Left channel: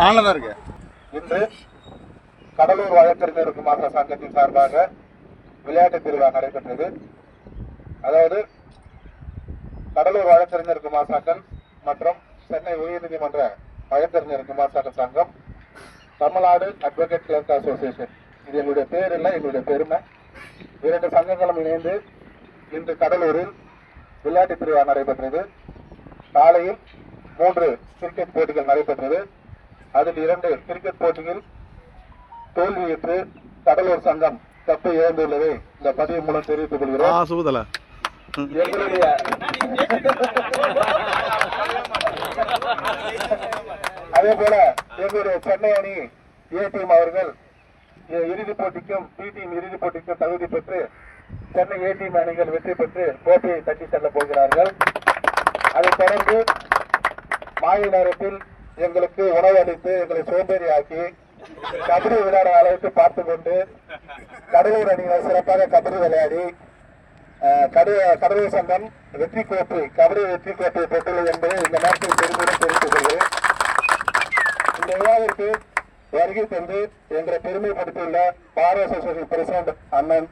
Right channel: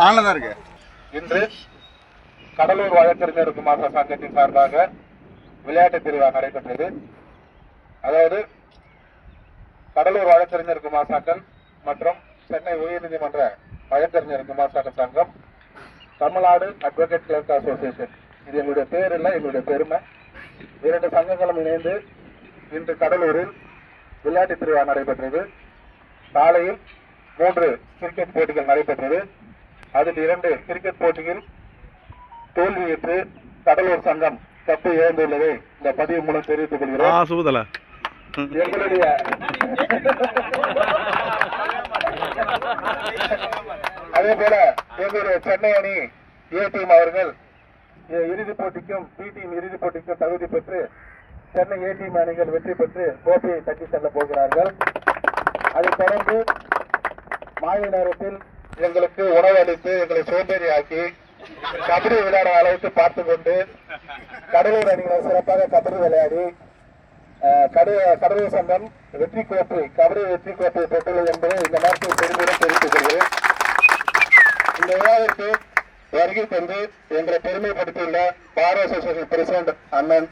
ஆன்ல இருக்கு இன்று கடலூர் வழக்கறிஞருக்கு மாற்ற சங்கத்தின் சார்பாக விளையாட்டு திருவிழா நடைபெற்றது அதாவது கடலூர் வழக்கறிஞர் குமார் சங்கம் மற்றும் சென்னை உயர்நீதிமன்ற வழக்கறிஞர் குமார் சங்கம் தமிழ்நாடு அட்வொகேட் கிளர்க் அசோசியேஷன் இது எங்களுடைய பேர் இல்லை எங்களுடைய பெருமை இரண்டு சங்கங்களும் இணைந்து இன்று கடலூரில் விளையாட்டு திருவிழா நடைபெற்றது. காலையில் மூன்று கிரிக்கெட் போட்டிகள் நடைபெற்றது. அதில் இரண்டு கிரிக்கெட் போட்டியில் தோல்வியுற்று கடலூர் சங்கம் கப்பை இழந்துள்ளதை இந்த பதிவு மூலம் தெரிவித்துக் கொள்கிறோம். எங்களுடைய அதே போல எங்களுடைய சென்னை அணி ஏ டீம் அவர்கள் இறுதிப் போட்டிக்கும் பி டீம் இறுதிப் போட்டிக்கும் தகுதி பெற்று சென்னை ஏ டீம் அணிகள் வெற்றி பெற்று கோப்பையை தட்டி செல்ல போகிறார்கள். அதைத் தொடர்ந்து மாலை நேரத்தில் எங்களுக்கு உணவு அளித்து எங்களை சோம்பேறி ஆக்கி கபடி விளையாட அளவுக்கு பார்த்து கொண்டு கடலூர் அணியினர் சிறப்பாக கபடி விளையாடி அஹ், கடலூர் சங்கம் வெற்றி கோப்பை கபடி வெற்றி கோப்பை பெற்றுள்ளது என்பதை இந்த நேரத்தில் பெருமையுடன் தெரிவித்துக் கொள்கிறேன். இந்த விழாவிற்கு வருகை தந்து எங்களை பெருமைப்படுத்தியுள்ள பார் அசோசியேஷன் பிரசிடண்ட் அண்ணன்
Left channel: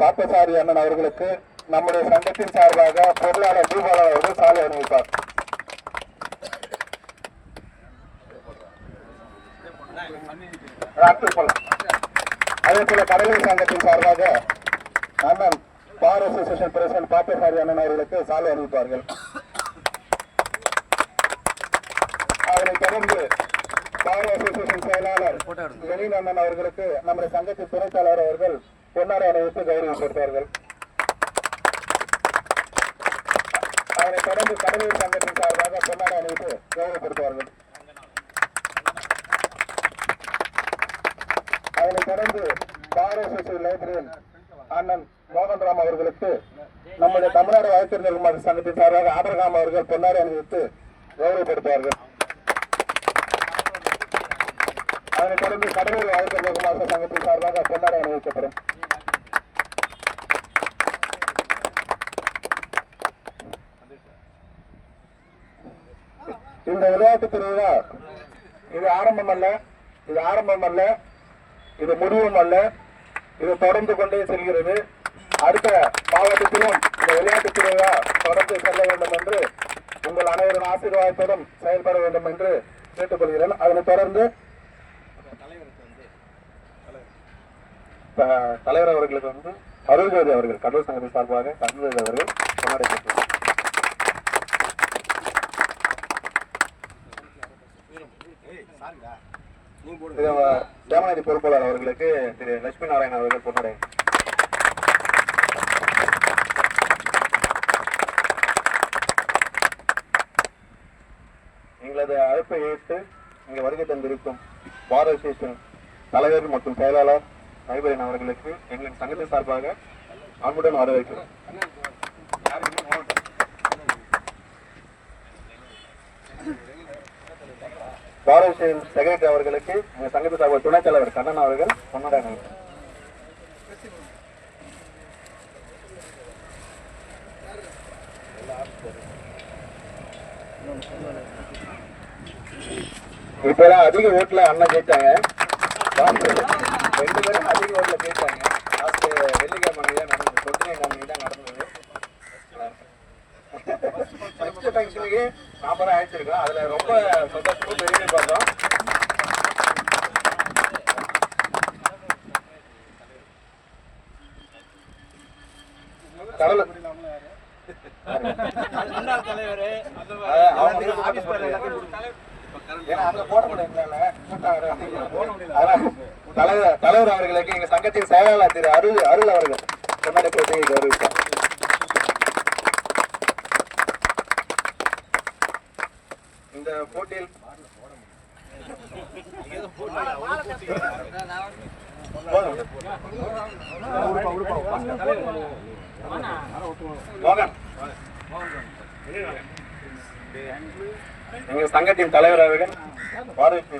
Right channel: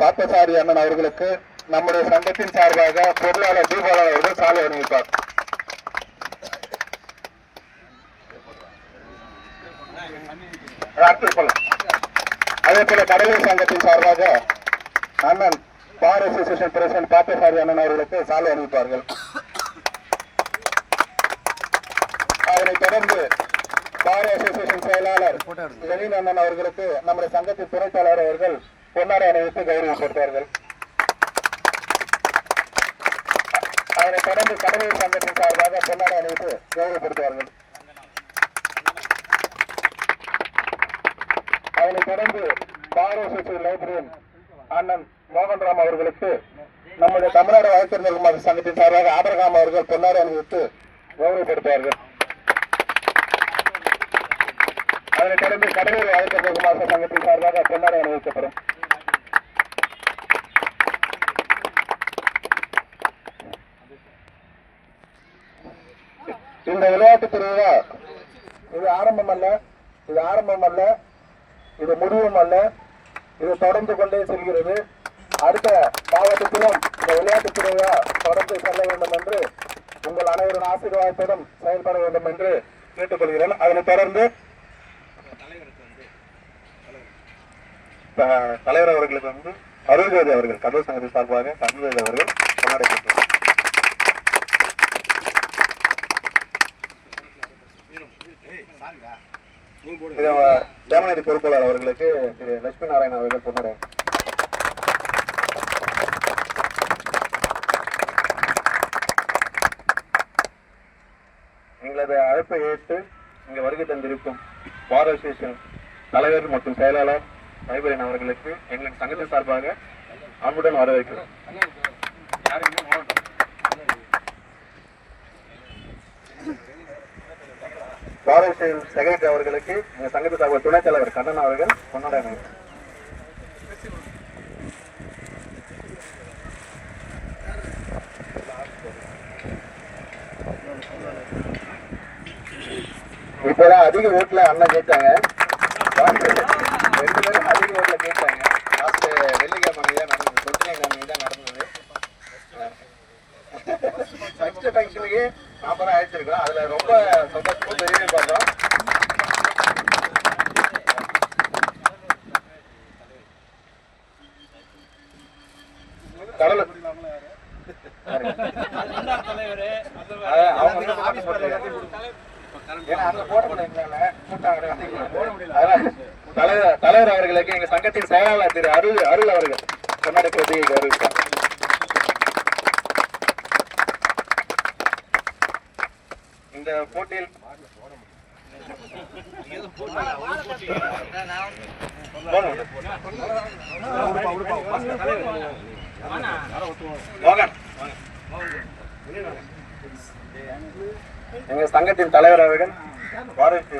பார்த்தசாரி அண்ணன் அவர்களுக்கு நம்முடைய சங்கத்தின் சார்பாக பொருளாளர் தீபாவளி அவர்கள் சாலை அணிவிப்பார். அதே போல கடலூர் சங்கத்தின் சார்பாக அண்ணன் பார் அசோசியேஷன் பிரசிடண்ட் பார்த்தசாரி அண்ணன் அவர்களுக்கு சாலை அணிவிப்பார்கள். அதனைத் தொடர்ந்து பார் அசோசியேஷன் செயலாளர் லெனின் அண்ணன் அவர்களுக்கு நம்முடைய சங்கத்தின் துணைத் தலைவர் அவர்கள் பொன்னாடை அணிவித்து கொடுத்தார்கள். அதனைத் தொடர்ந்து கடலூர் சங்கத்தின் சார்பாக பொன்னாடை அணிவித்து கௌரவப்படுத்துவார்கள் அதனைத் தொடர்ந்து பார் லைப்ரரியன் அண்ணன் மோகன்ராம் அவர்களுக்கு நம்முடைய தமிழ்நாடு வழக்கறிஞர் குமார் சங்கத்தின் சார்பாக ஆபரகாம் அவர்கள் பொன்னாடை அணிவித்து கௌரவப்படுத்தார்கள் அதனைத் தொடர்ந்து கடலூர் வழக்கறிஞர் மாத சங்கத்தின் சார்பாக பொன்னாடை அணிவிக்கப்படும் இந்த விளையாட்டு திருவிழா இது ஆரம்பம் அல்ல இது ஆரம்பம் அல்ல இது முடிவும் அல்ல இது தொடர்ந்து கொண்டே செல்கிறது. அடுத்த மாவட்டத்திலும் இந்த விளையாட்டு திருவிழா தொடர்ந்து செல்ல வேண்டும் என்று உங்கள் அனைவரின் ஆசீர்வாதத்துடன் செயல்பட வேண்டும் என்று கேட்டுக்கொள்கிறேன். அதனைத் தொடர்ந்து தலைவர் அவர்களுக்கு வந்து அருள்வேதி அவர்கள் கடல் சங்கத்தின் சார்பாக அருள்வேதி அவர்கள் கொண்டாடி ஜனநாயக பொறுப்பாளர் அவர்களுக்கு திரு லட்சுமி நாராயணன் அவர்கள் கொண்டாடி எங்களது அழைப்பை ஏற்று இங்கு வருகை தந்திருக்கும் பார் அசோசியேஷன் தலைவர் மற்றும் செயலாளர் லைப்ரரியன் அவர்களுக்கு எங்களின் சங்கத்தின் சார்பாக அன்புடன் வரவேற்கிறோம். பார் அசோசியேஷன் செக்ரட்டரி அவர்களுக்கு எங்கள் சங்கத்தின் சார்பாக துணைத் தலைவர் கண்ணன் அவர்கள் கொண்டாட இப்பெல்லாம் அதிக ஓட்டுல அண்ணன் ஜெயிச்சாங்க. ரெண்டு பேரும் ஃபர்ஸ்ட் ஃபங்க்ஷனுக்கு நாற்பது அழைச்சிருக்கோம் அதுல ரொம்ப சந்தோஷமா பெரிய பார்த்தோம் கடலூர் அதான், அவங்க ஆபீஸ் பேர்ல எல்லாத்தையும் ஏன்னா அங்க போட முடியல கூட்டம் வர அதான், தலைவர் அவர்களுக்கு எங்க சங்கத்தின் செயலாளர் திரு அருள் அருள் அவர்கள். கொண்டாடி போட்டியை கௌரவித்தார் இந்த போட்டியில் எங்கள் சங்கத்தின் தலைவர் அவர்கள் பாரதி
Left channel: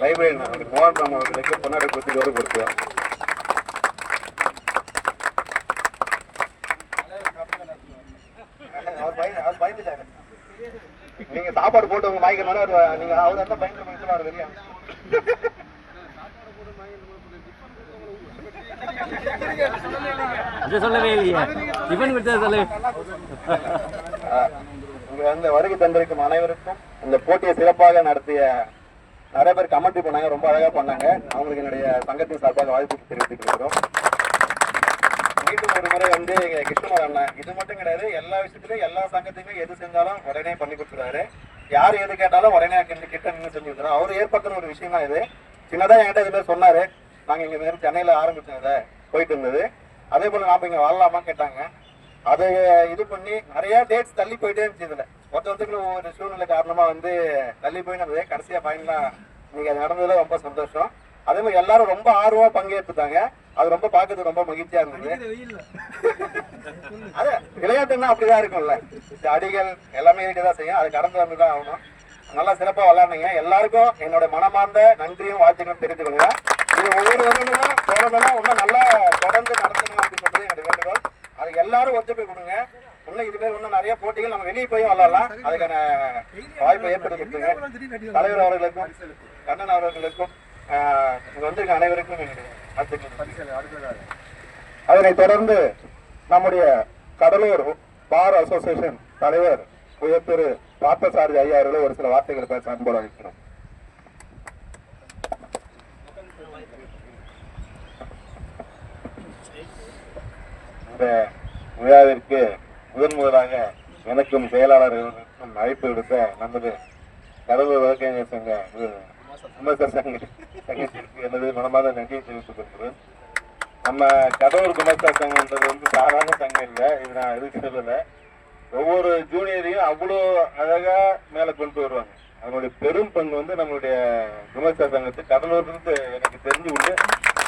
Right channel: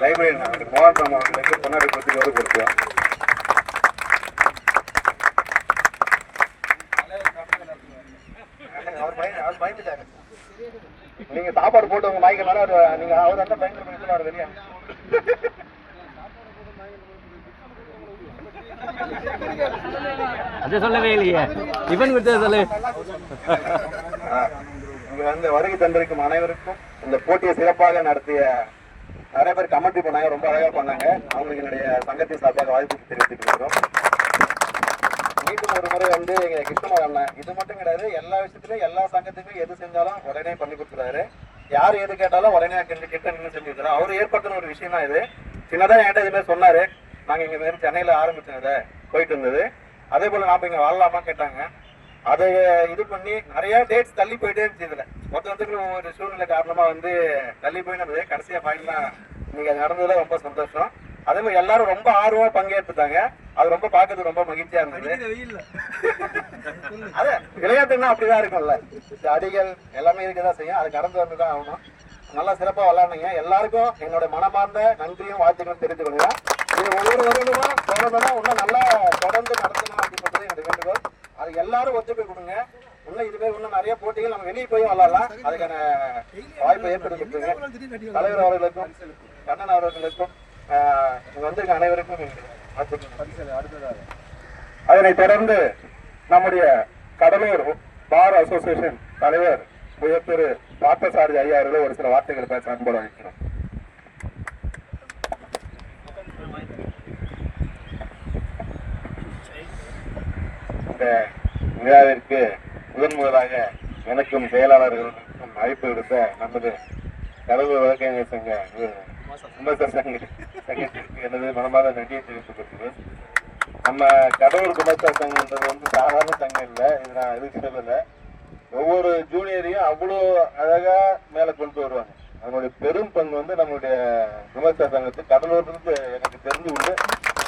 லைப்ரரி மோகன் அவர்களுக்கு பொன்னாடி கொடுத்து கௌரவப்படுத்துவார் பயந்துட்டாரு. நீங்க சாப்பாடு போட்டு உங்க வாங்கிக்கிறனால நீங்க அவர் அந்த பயங்கர அது சொல்லவே இல்லையே. சொல்லு. இங்க வந்து வருகை தந்திருக்கும் அனைவருக்கும் இந்த போட்டியை சிறப்பாக நடத்திய நிறைய பேர் கமெண்ட் பண்ணாங்க ரொம்ப அழகா பண்ணாங்க. அவங்களுக்கு என்னுடைய சங்கத்தின் சார்பாக வாழ்த்து தெரிவித்துக்கிறோம் மீண்டும் ஒரு முறை வந்து எங்க கிருஷ்ணன் அண்ணன் இது மட்டும் கிடையாது எல்லா விஷயத்துலயும் எல்லா சங்கத்துக்கும் எது செஞ்சாலும் உடனே பண்ணி கொடுத்துறாரு யார் எது கேட்டாலும் உடனே கிட்ட கிட்ட நின்று செஞ்சு அவர் ஏற்படுத்தின ஒரு விஷயம் தான் இது. சின்னதா என்கிட்ட இதுல சொன்னாரு. நாங்க இங்க மாதிரி சென்னையில ஆரம்பிச்சத போயிட்டு இருந்தது. அதே போல நாம இங்க வாழலாமான்னு கேட்டாங்க. அதை இது பண்ணி நிறைய டேட்ஸ் தள்ளி போயிட்டே இருந்துச்சு இதுல. மொத்த மொத்தத்துக்கு ஒரு சூழ்நிலை காரணமா வந்து தள்ளி போயினது கடைசியா ஃபைனலா இன்னைக்கு அது நடந்ததுல ரொம்ப சந்தோஷம். அதே மாதிரி எல்லாரும் ரொம்ப ஆர்வமா பங்கேற்றுட்டாங்க அது ரொம்ப பார்க்கறதுக்கு ரொம்ப மகிழ்ச்சியா இருந்தது. அது விளையாட்டுன்னா அப்படிதான் இருக்கும்ல. அடிகள் எல்லாமே இருக்கதான் செய்யும். அது கடந்து வந்துதான் ஆகணும். நல்லா சிறப்பா விளையாடுங்க எல்லாருக்கும் என்னோட மனமார்ந்த நன்றியும் வாழ்த்துக்களும் கொள்கிறேன். இது ஒவ்வொரு வருடமும் தொடர்ந்து இன்னும் நல்லா தொடர்ந்து நடத்தணும் அப்படின்றது என்னுடைய வேண்டுகோள். அது எல்லாரும் ஒத்துழைப்பு கொடுங்க. இன்னும் இது பேர் இன்னும் நிறைய போட்டிகள் நம்ம வெளியே போய் விளையாடலாம். அதுக்கான வாய்ப்பை ஏற்படுத்தி தலைவர் அவர்களுக்கும் கண்ணன் அவர்களுக்கும் வந்து அனைவருக்கும் வாழ்த்துக்கள் அதனைத் தொடர்ந்து நம்முடைய கடலூர் பார் அசோசியேஷன் தலைவர் உயர்திரு பார்த்தசாரதி ஐயா அவர்களை ஒரு சில வார்த்தைகள் பேச அன்போடு அழைக்கிறோம். இந்த விழாவிற்கு முதன் முதலாக எனக்கும் செயலாளர்களுக்கும் அழைப்பு விடுத்த நமது கடலூர் விவசாய சங்க விமர்சன சங்க சங்கத்திற்கு எனது மனமார்ந்த நன்றியை தெரிவித்துக் நம்ம கடவுள் குணத்தா சங்கம்ன்றது வந்து சாதாரண சங்கம் இல்லை இது நான் எதுக்கு சொல்லல. ஒவ்வொரு ஜூனியரையும் அவ்வளோ அழகா மேல கொண்டு வருவாங்க. அதனுடைய பெரும் பங்கு வந்து நம்மளுடைய விமர்சன சங்கத்து கடலூர் எனக்கு தெரிஞ்சு உண்டு.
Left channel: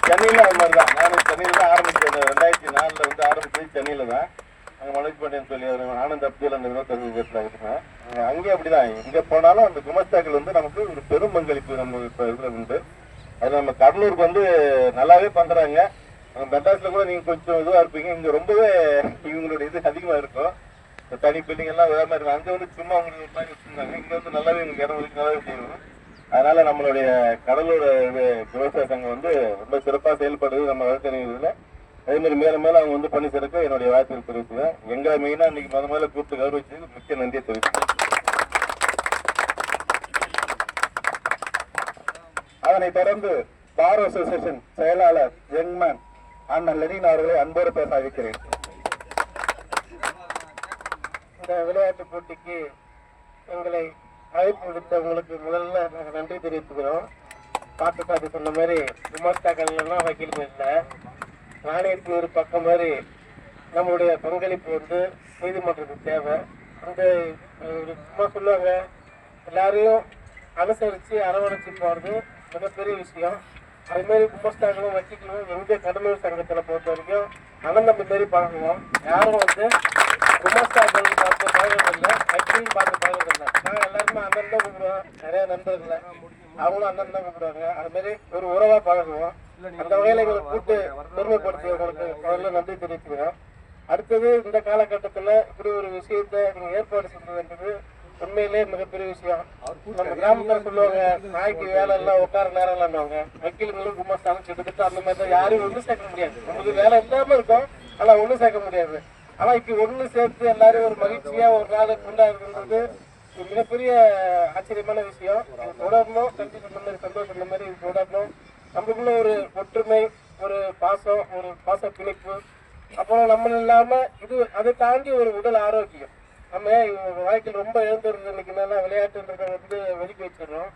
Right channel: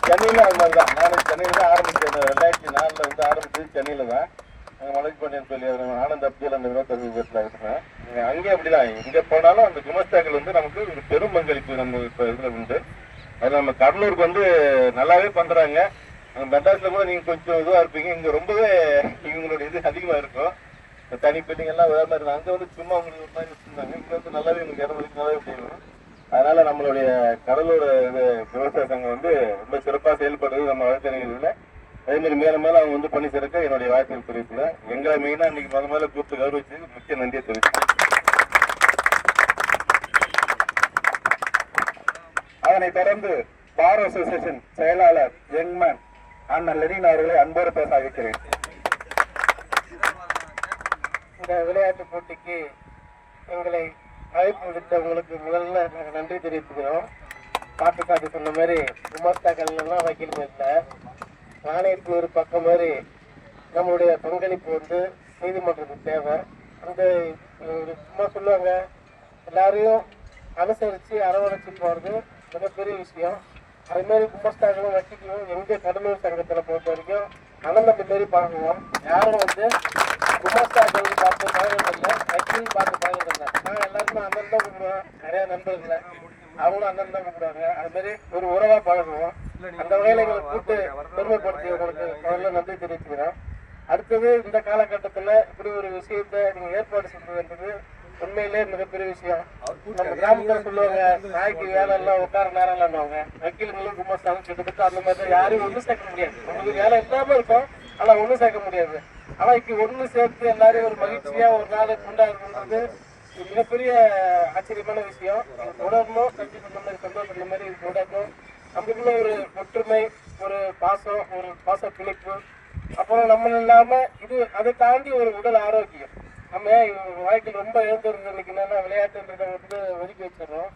சென்னையில அது மாதிரி தான். நான் சென்னையில தான் ஆரம்பிச்சது ரெண்டாயிரத்தி நாலுல வந்து ஆரம்பிச்சது சென்னையில தான். அங்க மலைக்கு பாண்டியன் சொல்லி அது நானும் தப்பியில் அந்த இருபத்தஞ்சு பேர்ல அங்கேயும் அப்படிதான். எங்க போனாலும் அந்த குமஸ்தாக்கள் வந்து நமக்கு ஒரு பெரும் பங்களிப்பு நம்ம இப்போ இதில் உண்டு. அது நம்ம கடலூருக்கு வந்து நல்லாவே பண்ணுறாங்க அங்க கூட நீங்கள் கொஞ்சம் இதுவாக இருப்பீங்க. இங்கே ரொம்பவே இவங்களோட இது அதிகமாக இருக்கும். தனி பில்டிங் எல்லாம் வேற மாதிரி இருக்கும். அங்க வந்து சும்மா உங்களுக்கு ஒரு மாதிரி வச்சிருந்தாங்க. இங்கே வந்து நல்லாவே உங்களுக்கு இடம் இருக்கு நல்லாவே செய்யணும் அதனால நம்மளுடைய கடலூர் இது விவசாய சங்கம் வந்து ரொம்ப சிறப்பாக செயல்படுறது நம்ம வழக்கறிஞர்கள் அதே மாதிரி மேல மேல அவங்க வந்து பண்ணி சேர்க்க என்னுடைய வாழ்க்கையில் தெரிவிச்சுதான் எங்களை மெயினா இன்னைக்கு முத முதல்ல கூப்பிட்டு கௌரவிச்சதுக்கு முக்கிய நன்றியை தெரிவிச்சேன் அதனைத் தொடர்ந்து பார் அசோசியேஷன் செயலாளர் யங்மேன் அண்ணன் லெனின் அவர்களை அன்போடு பேச அழைக்கிறேன். இந்த விளையாட்டு போட்டிக்கு எங்களை அழைப்பு விடுத்தவங்களுக்கு முதல்ல நாங்கள் நன்றி தெரிவித்துக்கிறோம். பாட்டு பாட்டு சொன்ன மாதிரி விமர்த்தாக்கள் எல்லாம் வக்கீல் பேசல நாணயத்துக்கு ஒரு பக்கம் மாதிரி நம்மளுடைய பங்களிப்பு வந்து நீதிமன்றத்துக்கு தேவை. அந்த சும்மா சொல்லுவாங்க. எல்லாரையும் அனுசரித்து அரவணைச்சு போகிறது மிகப்பெரிய விஷயம். அதுமாரி மாதிரி குமஸ்தாக்களும் வச்சுக்கணும். எங்கே கடலூர் சங்கத்தில் பொறுத்த வரைக்கும் அனந்தம் மாரி பார்க்கணும். யாரும் வந்து குமஸ்தாக்கள் பார்த்து பழகிறதில்ல வக்கீல் பார்த்து இல்லை நான் எல்லாருமே அண்ணன் தான் கூப்பிடுவேன் நிறைய நண்பர்களை அவங்களும் அண்ணன் தான் கூப்பிடுவாங்க அது மாதிரி ஒரு உறவா பழகுவோம். அந்த வகையில எங்களை கூட்டு பெருமைப்படுத்தியவங்களுக்கு முதல்ல நன்றி தெரிவிச்சுக்கிறேன். அடுத்தது இந்த காலகட்டத்துல இப்படி ஒரு விஷயத்தை நீங்க ஏற்பாடு செஞ்சு வேண்டியது உண்மையிலே மிகப்பெரிய விஷயம். நம்ம கிராமத்துல சொல்லுவாங்க நாய்க்கு வேலை எல்லாம் உட்கார நேரம் இல்லாமவங்க வக்கீலுங்களும் கும்பஸ்தானம் கிட்டத்தட்ட அந்த மாதிரி தான். யாரையும் ஒண்ணு சேர்க்க முடியாது. உங்களுக்கு வேலை இல்லாம இருக்கும் ஆனா ஒண்ணு சேர்க்க முடியாது. ஆனா இப்ப ஒண்ணு சேர்த்து எல்லாரும் ஒரு மகிழ்ச்சியா ஒரு நாள் கொண்டாடுறது மிகப்பெரிய ஆச்சரியமான விஷயம். தொடரணும் கஞ்சி சொன்ன மாதிரி சந்தோஷம் சொன்ன மாதிரி தொடரணும். நம்மளுக்குள்ள ஒரு ஒற்றுமை ஒரு பாசம் ஒரு பாச பிணைப்பு. அப்புறம் நம்ம இல்லாம இது அதை தாண்டி ஒரு உடல் ஆரோக்கியம். நம்ம வாழ்க்கையில் ரொம்ப இழந்துருந்த இன்னைக்கு என்னன்னா விளையாட்டுன்றதை வந்து ஒதுக்கி வச்சிடறோம்.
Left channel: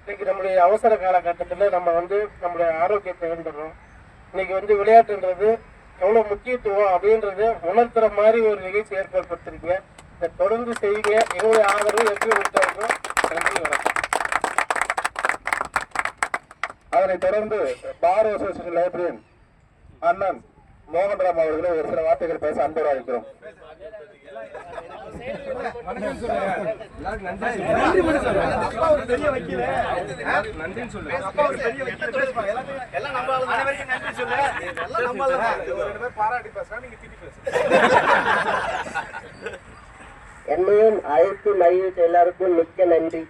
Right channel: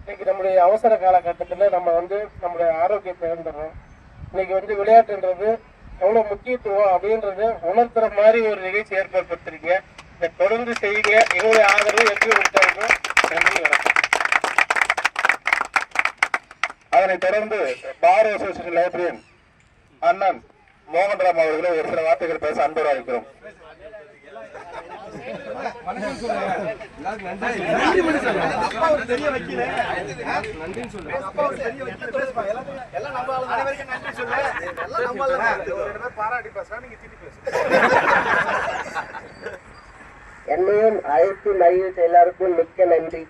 இன்னைக்கு நம்மளுடைய அவசர காலகட்டத்தில் நம்ம வந்து நம்மளுடைய ஆரோக்கியத்தை இழந்துடுறோம். இன்னைக்கு வந்து விளையாட்டுன்றது எவ்வளவு முக்கியத்துவம் அப்படின்றது உணர்த்துற மாதிரி ஒரு நிகழ்ச்சி ஏற்படுத்திருக்கீங்க இதை தொடர்ந்து செய்யுங்க எங்களுடைய ஆதரவு எப்படி கொடுத்தாங்க நன்றி வணக்கம். அதனைத் தொடர்ந்து பார் அசோசியேஷன் லைப்ரரியன் அண்ணன் மோகன்ராம் அவர்களை ஒரு சில வார்த்தைகள் பேச அன்போடு அழைக்கிறோம் என்ன அழைத்து மகிழ்ச்சி எல்லாருக்கும் மிக்க நன்றி.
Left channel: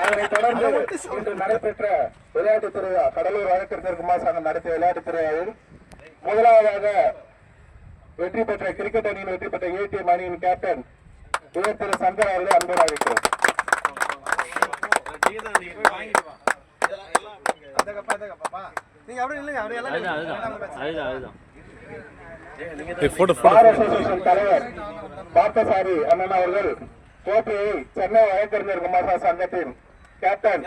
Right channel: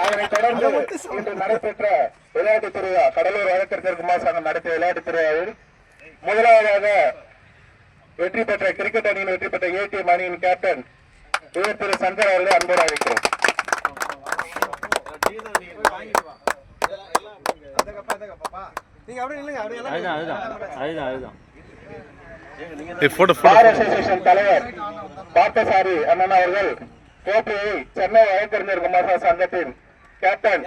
அதனைத் தொடர்ந்து இன்று நடைபெற்ற விளையாட்டுத் திருவிழா கடலூர் வழக்கறிஞர் குமார் சங்கம் நடத்திய விளையாட்டுத் திருவிழாவில் முதலாவதாக வெற்றி பெற்ற கிரிக்கெட் அணியின் வெற்றி பெற்ற ஏடிஎம் அணியின் கேப்டன் இவர் திரு சந்திர அவர்களை அன்போடு அழைக்கிறோம். பார் அசோசியேஷன் தலைவர் பார்த்தசாரி அண்ணன் அவர்கள் கோப்பையை சென்னை வழக்கறிஞர் குமார் சங்கத்தின் கேப்டன்